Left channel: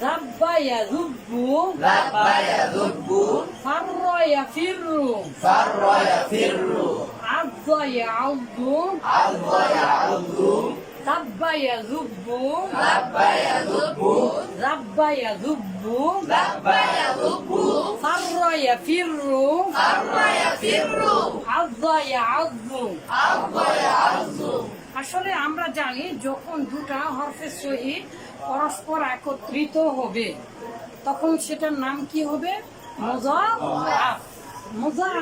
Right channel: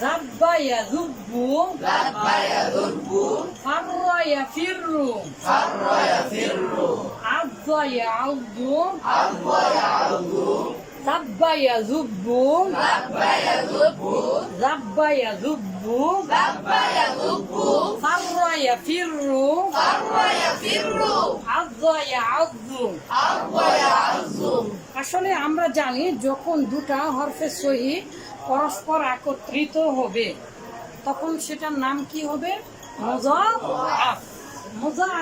ذب يذب. ذب يذب. فر يفر. فر يفر. عض يعض. عض يعض. ذب يذب. ذب يذب. ذب يذب. ذب يذب. فر يفر. فر يفر. عض يعض. عض يعض. আসলে আমরা জানি যখন দুটা হরফের সহিত পরস্পর একত্রিত হবে, তখন সেটার নাম কি হবে? মোজা আফ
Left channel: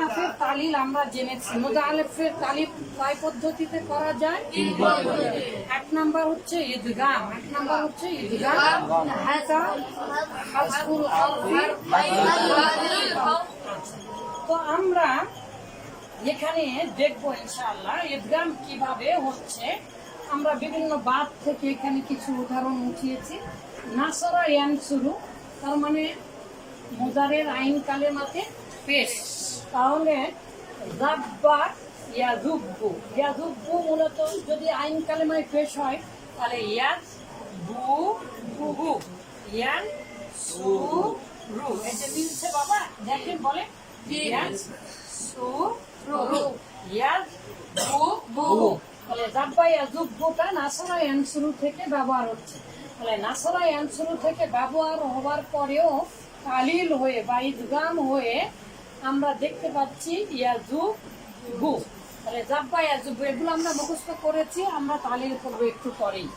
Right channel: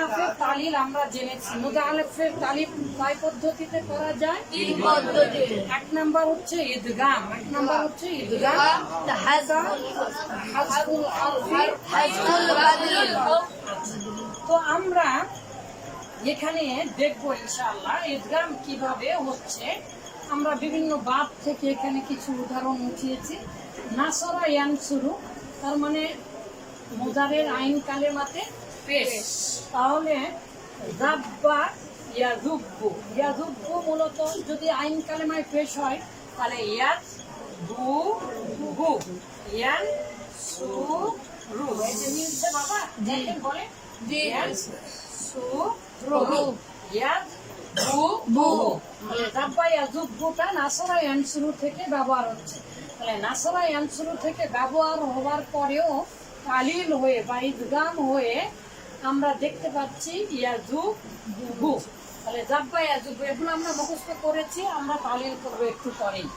আফের তালিল আমরা জেনেছি। মোজা আলেফের তালিল কয় পদ্ধতিতে করা যায়? এক নাম্বার হচ্ছে ঈদগাম এক নাম্বার হচ্ছে ঈদগাম তো আমরা এখানে দেখব ইনশাআল্লাহ ঈদগাম কীভাবে হচ্ছে। আমরা বিভিন্ন বাদ থেকে এখানে কিছু উদাহরণ উঠিয়েছি। নাসরা ইয়ান শুরু তার মানে মোজারের আইন কালেমাতে পেশ। তাহলে জাব্বা ইয়াজুব্বু ইয়াজুব্বু মূলত যদি আইন কালেমায় পেশ হয় তাহলে ইয়াজ বু বুহু ইয়ান সু রু যে মিলছে বাবা দেখেন বলে ইয়ান সু শুরু থেকে ব্যবহার হচ্ছে তাহলে নাসরা ইয়ান শুরু থেকে ব্যবহার হওয়ার পরেও তালিল হয়ে বা হয়ে আমরা দেখতে পাচ্ছি ইয়াজু বু তাহলে জাব্বা ইয়াজু এগুলো আমরা মুখস্থ করেছি আমরা তালিল করব একটু পরেই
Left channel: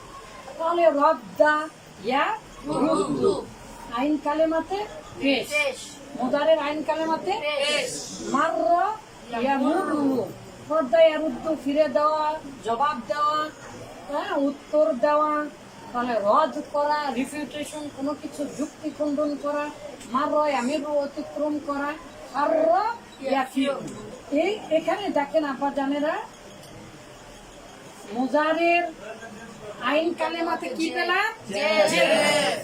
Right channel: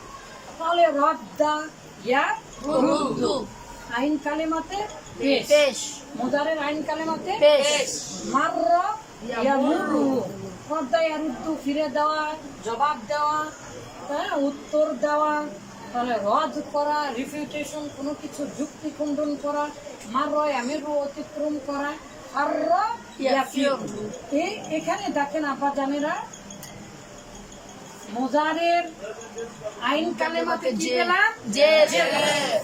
তাহলে রদ্দা ইয়া রুদ্দু আইন কালেমাতে পেশ মুদারের আইন কালেমাতে পেশ। মাররা মুরু ফিরে দেওয়া জবাব দেওয়া হ্যাঁ উত্তর দেওয়া তাহলে রদ করা রিফিউটেশন কোনো কিছু যুক্তি খণ্ডন করা মাররা আমির অতিক্রম করা আর এই এখানে দেখেন আপা জানেরা মোজারের আইন কালেমাতে কি পেলাম।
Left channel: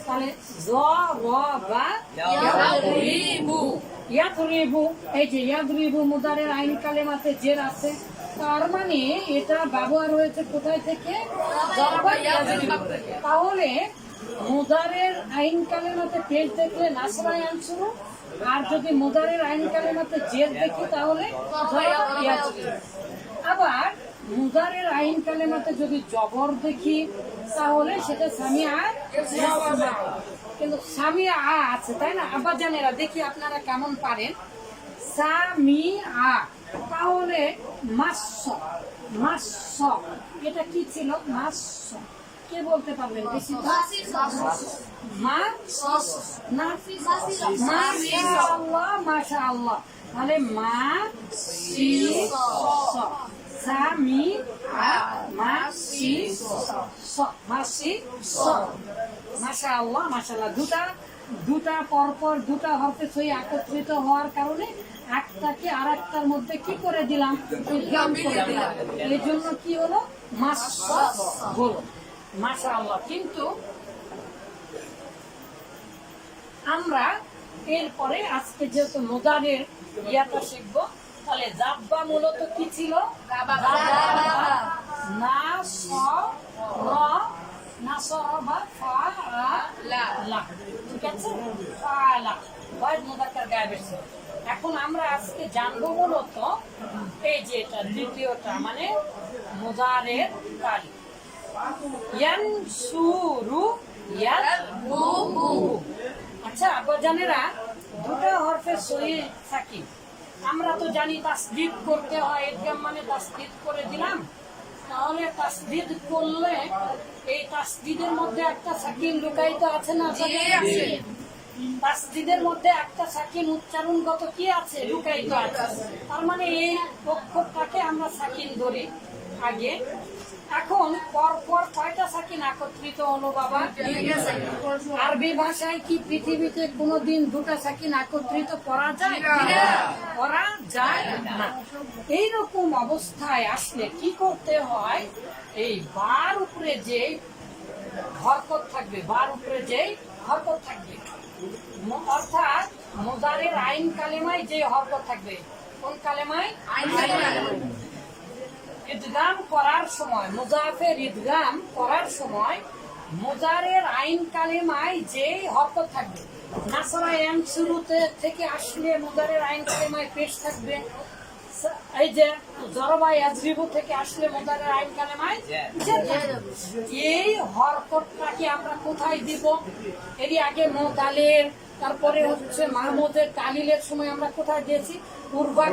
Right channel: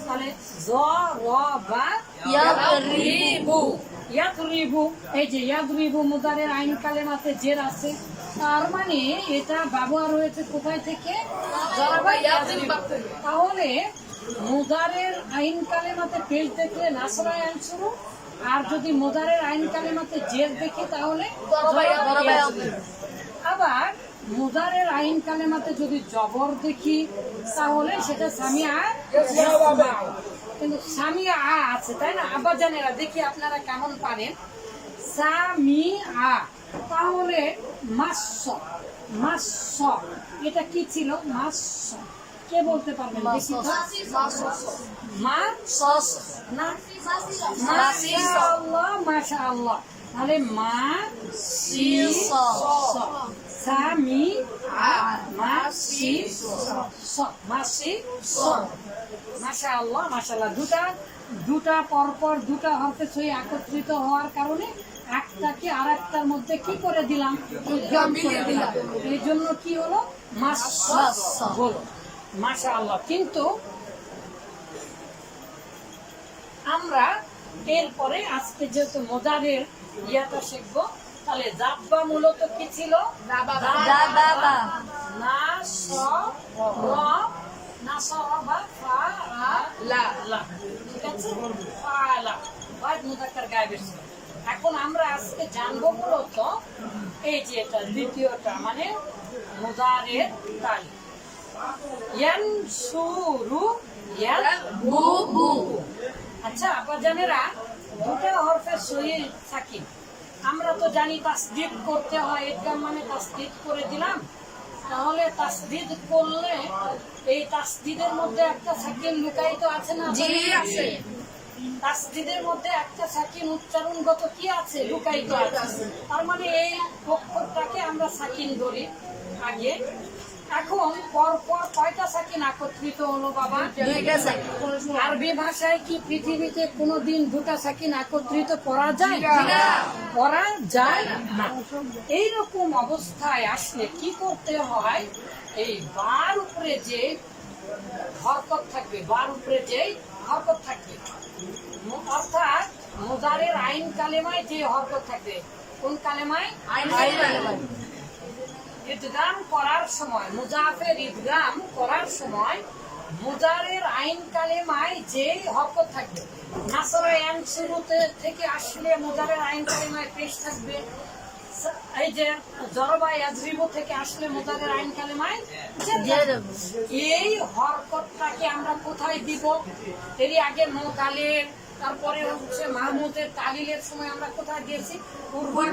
তাহলে জ র বা ইয়াদরিবু এই যে ইয়াদরিবু মুদারের আইন কালেমাতে জের আছে তার মানে এটা ব্যবহার হয়েছে কোথায় থেকে। তাহলে মুদারের আইন কালেমাতে পেজ দেখলে নাসরা শুরু আর যদি মুদারের আইন কালেমাতে জের দেখি তাহলে আবার মুদারের আইন কালেমাতে যদি জবর দেখি তাহলে সেটা সামিয়া ইয়াসমাউ। কিন্তু সামিয়া আ আছে, তাই না? আবার জানেরা দেখি আপনারা কেমন পারেন। সামি আ, তাহলে মাস মাস এটা কি ছিল? মাস কে বলতে পারবেন বেশি মা না? মাশাআল্লাহ মাশাআল্লাহ। তাহলে মা স সামি আ মা সি স মা সি স মাশাআল্লাহ মাশাআল্লাহ। দুটা দুটা পরপর, দুটা হরফে একত্রিত হওয়ার কারণে একটাকে মধ্যে কি করে দিলাম? করে দিলাম। এই জন্য কি হলো? মাশাআল্লাহ কিন্তু আমরা এরপরে আজকে যেহেতু মোজারের ইয়াটা শিখব তাহলে জাব্বা মূলত কি ছিল। না স র না স বা ফা আ লা লা। ঠিক আছে? ফা লা। গায়েবের। এখন আমরা আজকে জানব মূলত এই যে এটা দ্বিতীয়টা মানে মুজারের তালিকা ইয়ানসুরু ইয়াদবু আচ্ছা আব্বাজানেরা দুটো হরফে সহি সাকিব। আমরা তো জানি তাসদিদ করতে হয় এক্সাম মানে তাসদিদ করে দিলাম। তাহলে তাসদিদ করলে এই তাসদিদের মধ্যে একটা সাকিন লুকায়িত আছে না আছে। তাসদিদের মধ্যে একটা সাকিন উচ্চারণগত কি আছে? লুকায়িত আছে। তার মানে এই অক্ষরটাকে আমরা সাকিন ধরি আগে। এখন পর পর কয়টা সাকিন একত্রিত হলো বাবা? আরবি ভাষায় কি পৃথিবীতে কোনোদিন দুটা সাকিন একত্রিত করা যায়? করা যায় না। এইরকম অবস্থায় আসলে কি করতে হয়? এই বার উপরে যে হরকত থাকবে বার উপরে যে হরকত থাকবে। অর্থাৎ মোজারের আইন কালেমায় যে হরকত থাকবে। কোন কালেমায়? আইন কালেমায়। ইদগাম করার সময়, মুজাফের ইদগাম করার সময় মুজারের আইন কালিমায় যেই হরকত থাকবে, নাসারা এন শুরুতে থেকে আসলে মুজারের আইন কালিমায় পেশ থাকবে, এই যে জরবা ইয়াজরিবু থেকে আসলে মুজারের আইন কালিমায়। এই হরকতটাকে আমরা কোথায় দিব এরই আগে মোতালে তারপরে হচ্ছে মাহমুদের তালিলের সময় আমরা কোথায় পূর্বার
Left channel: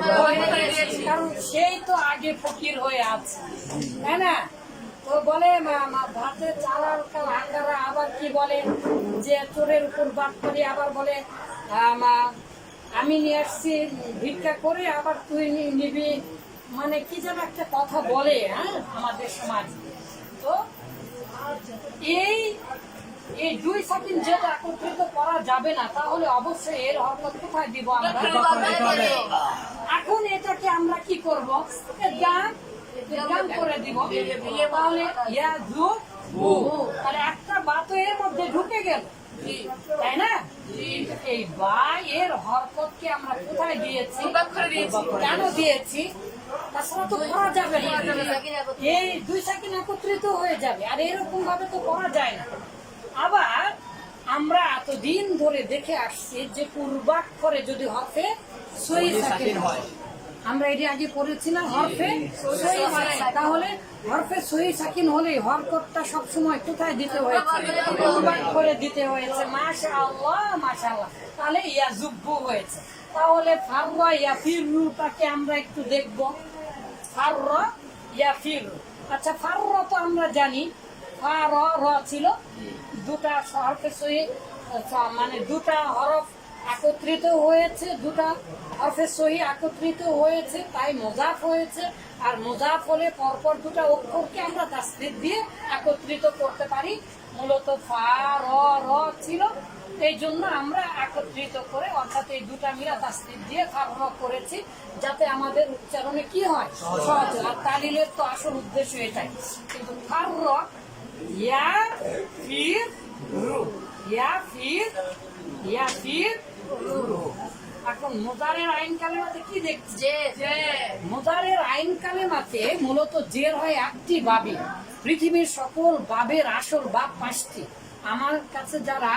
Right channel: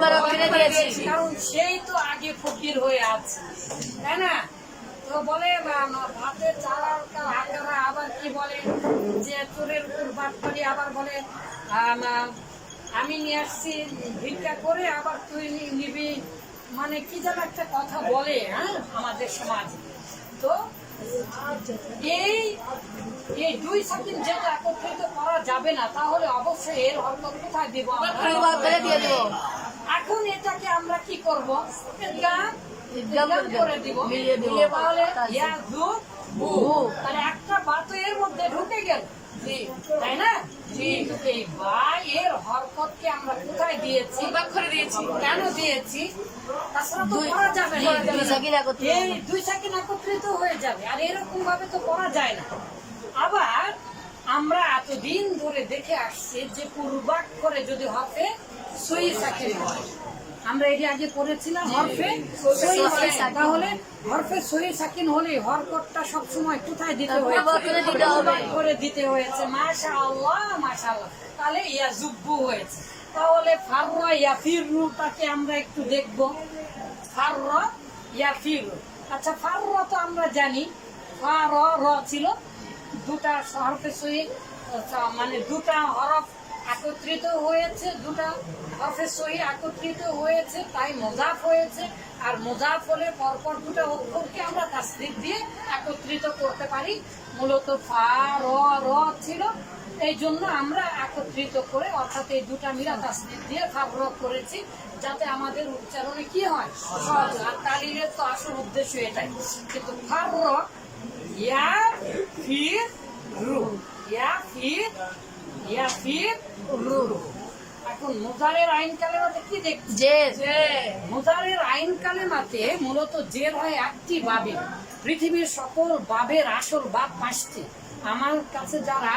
কারণ সেই তো আগে ফকির হয়ে আছে। তাই না? তো বলে ভাতে চালার আকারা আবার কি বলে? যে চোরের উপর বাদ করি আবার বলে আমি নিয়ে আসছি ভিক্ষা করে আবার তুই নিবি। মানে কি যেন একটা কথা বলে হ্যাঁ আমাদের সমাজ। তো এই এই দুই সাকিন যেটা একত্রিত করা যাবে না তাহলে অবশ্যই এর হরকত কোথায় দিব আমরা? এখন এটাকে আমরা কি করব? গান গান করে দিব। তাহলে ইয়া একটা বা তো এর মধ্যে ঢুকে গেল। তাই না? এই বা এর হরকতকে আমরা কোথায় দিয়েছি? দিয়েছি। কেন দিয়েছি? তাছাড়া তো যাবে না। এই দুই সাকিন একত্রিত হয়ে যাবে আর এরকম ভাবে তো করা যায় না। আবার আমরা এতদিন ধরে দেখে আসছি যে পূর্বাক্ষরে যদি হাতে সই সাকিন হয় আমরা এটি আগে পড়েছিলাম হরফে তাহলে হরফে সই সাকিন হলে হরকতটা সবসময় কোথায় দিতে হয়েছে? পূর্বাক্ষরে দিতে হয়েছে মাশা আল্লাহ মাশা আল্লাহ তাহলে ইয়া জুব্বু হয়েছে। তাহলে ফাররা ফিররুটাকে আমরা একটু দেখব। ফাররা ইয়া ফিররু আচ্ছা ফাররা তো আমরা জানি। ফা র ছিল দুটা হরফে সহি মানে দুটা হরফ একত্রিত হয়েছে দুটা হরফে সহি একত্রিত হয়েছে, তাই মোজাফ হয়েছে। আর মোজাফ হলে পরপর দুটা অক্ষরকে আমরা তাসদিক দিয়ে একত্রিত করতে পারি। মূলত ফা, র র ছিল। এই জন্য আমরা একত্রিত করে অর্থাৎ এই দুটা মিলা তাসদিক দিয়ে ফার করেছি, যাতে আমাদের উচ্চারণে কি হয়? সহজ আর তালিলের তো আসল উদ্দেশ্য এটাই। কিন্তু ফার ইয়া, ফির, রু। ইয়া, ফির ইয়া, ফির এখন মুদারের আইন কালেমাতে কি দেখছি? যে মুদারের আইন কালেমাতে মূলত জের হয় একটি বাবে। পৃথিবীর সকল বাবের আসল বাব পাঁচটি। আমার কাছে যারা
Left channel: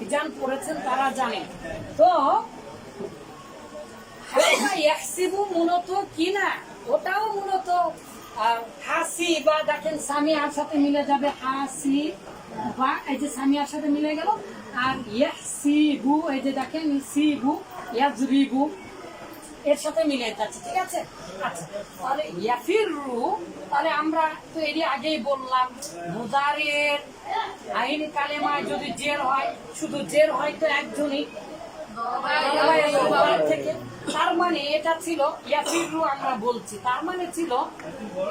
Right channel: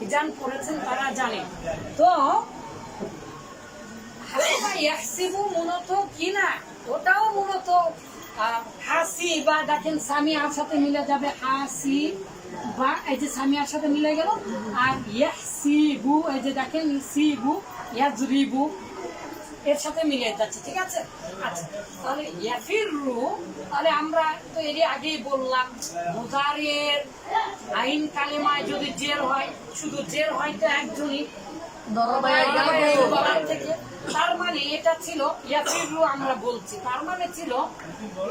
হিজান পড়েছেন তারা জানেন। তো মূলত কি না? ওটাও মূলত হাসি বা দেখেন সামিয়ার সাথে মিলে যাবে হাসি বা এই যে সামিয়ার সাথে মিলে গেল আর ইয়াহসিবু এই যে দেখেন সিবু ইয়াজরিবু, এর সাথে মিলে যাচ্ছে, ঠিক আছে? আচ্ছা তাহলে ইয়াফিরু, তাহলে আমরা তো এরই আগেই বললাম মুজারের আইন কালেমায় যদি জের হয়, শুধু জের হয় তো একজনই তার মানে এটা ছিল, ইয়াফিরু আমরা বলছি, তার মানে ছিল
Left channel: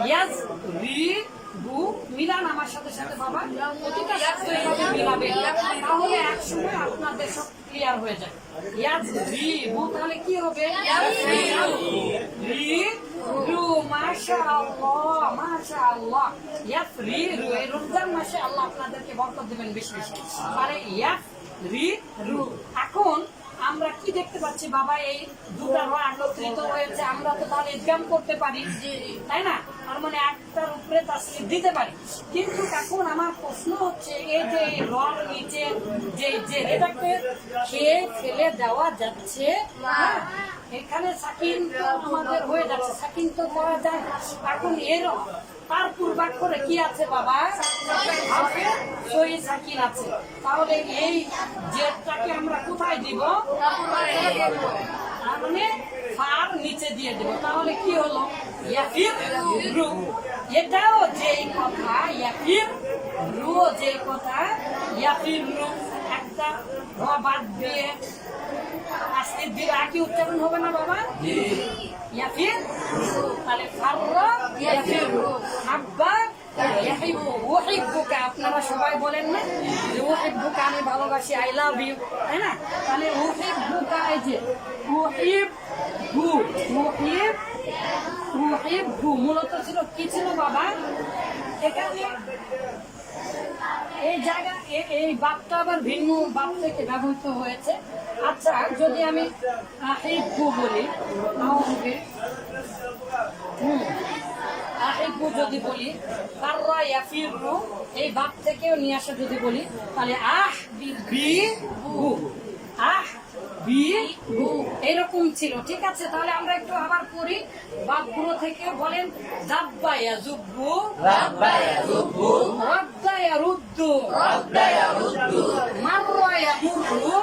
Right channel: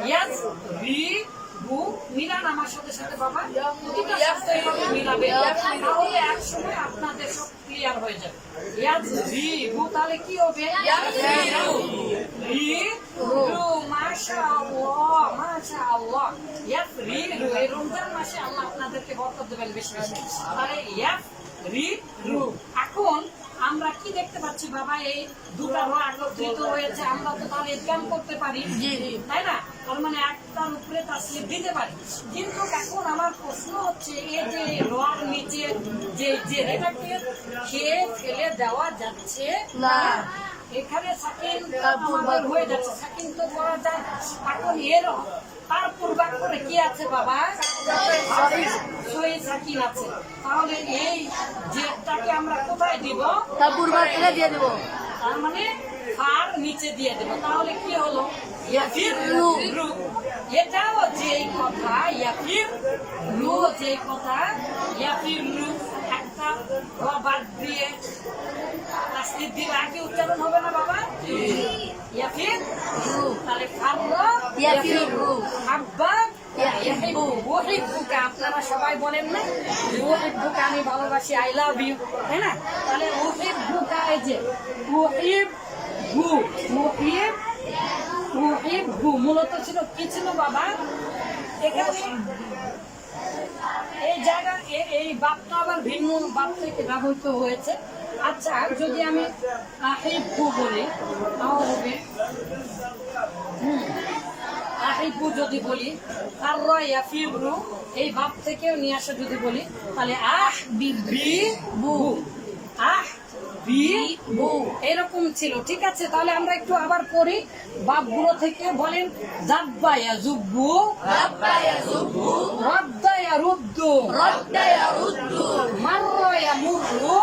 ইয়াজ রি বু মিলান আমার সাথে সাথে বাবা প্রতিটা শব্দ মিলাবে। তাহলে একসময় আপনাদের সব ক্লিয়ার হয়ে যাবে। ইয়াজ রি বু তাহলে কি হবে? রি। রু মাশাআল্লাহ মাশাআল্লাহ। ইয়াফ রি রু এই রমজান মাসে আল্লাহ আপনাদেরকে বরকত দেবেন বেশি বেশি। আরে রি রু। এখন আমরা কি দেখতে পাচ্ছি? বাবা এই দুটা র একত্রিত হয়েছে। আমরা তো তাহলে ইনকাম করতে পারি। তাই না? তার মানে একটার উপরে তাসলিম দিতে পারি। কিন্তু এখন আমার প্রশ্ন হচ্ছে এই যে রর নিচে যে যে এটাকে খেয়ে ফেলে দেওয়া যাচ্ছে না। এখানে সাকিন আমাদের হয়ে যাচ্ছে। সাকিন তো করা যায় এখন এর তার পূর্বাক্ষরে কি আছে বাবা? সহি সাকিন আছে। তাহলে এই জেটটাকে আমরা কোথায় দিব? তার পূর্বাক্ষরে দিয়ে দেবো। তার মানে ফার নিচে দিয়ে দেবো। তাহলে কি হলো? ইয়াফির রু এটাও যেই কথা ইয়াফির রু যেই কথা ইয়াফির র। বাদ দিয়ে আস্তিক দিয়ে আগে উচ্চারণ হবে না বাবা? তাহলে আপনারা সবাই বলেন না যে ওহিব্বুকা আমি ভালোবাসি আই লাভ ইউ তাই না? তাহলে ওহিব্বুকা এই যে ওহিব হু ওহিব ওহিব হু মূলত ছিল কি ছিল বাবা? এখানে এই জায়গা এই বাপটা আবার ভিন্ন বাপ থেকে ব্যবহৃত হয়েছে। আচ্ছা যদি আমি আহিব্বু বলি, তাও হবে, হুম আহিবু যদি বলি কাররা ইয়াফিরু এই বাপ থেকেও নিয়ে আসা যদি বলি, তাহলে আহ বি বু আহ বি বু এরকম ছিল। ঠিক আছে? তাহলে আমরা একটু আবার পড়ি। বাপগুলো থেকে বলেন জাব্বা ইয়াজুব্বু রদ্দা। ইয়ারুদ্দু মাররা। ইয়ামুররু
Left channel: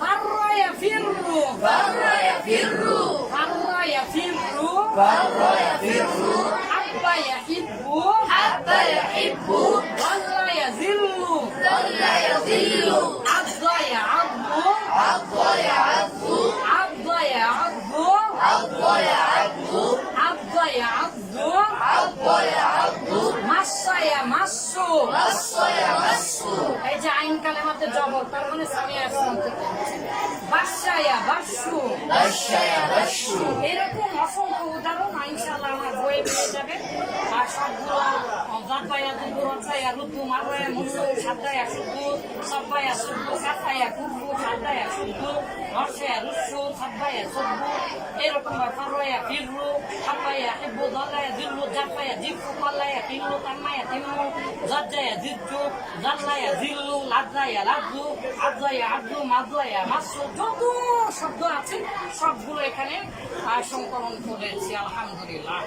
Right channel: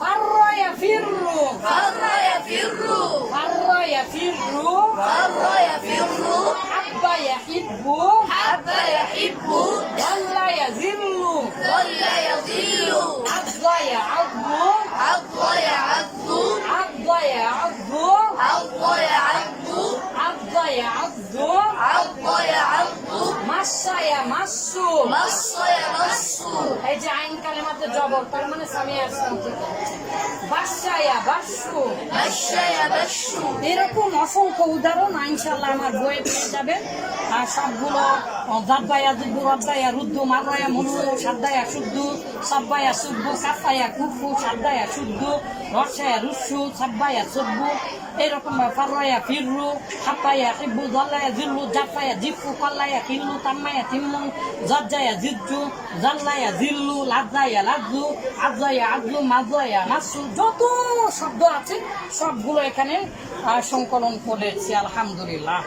ফাররা। ইয়াফিররু ফাররা। ইয়াফিররু হাব্বা ইয়াহিব্বু ضل Masaya é Masu. Masaya এই যে আইন কালেমাতে জবর তার মানে সামিয়া আসলাম বাসায়া বাসু এরকম অসংখ্য উদাহরণ ইনশাল্লাহ আমার বইয়ে পেয়ে যাবে আর সবগুলো জাব্বায়া দুব্বু রব্বায়া রুদ্দু মাগয়া মুসু সাদ্দায়া শুদ্ধু সাব্বায়া সুব্বু সাফায়া কুব্বু সাদ্দায়া শুদ্ধু রসায়া রুসু সাব্বায়া সুব্বু এরকম ফারয়া ফিররু হাপ্পায়া হিব্বু দল্লায়া জিল্লু জাফায়া জিফু পাল্লায়া কিল্লু তাম্মায়া তিম্মু জজ্জায়া জিজ্জু জাল্লায়া জিল্লু লাজ্জায়া, লাজ্জু, আজ্জায়া, আজ্জু, মাজ্জায়া, মাসু, যত শব্দ আছে, সবগুলো এখানে সংকলন করেছি, আলহামদুলিল্লাহ।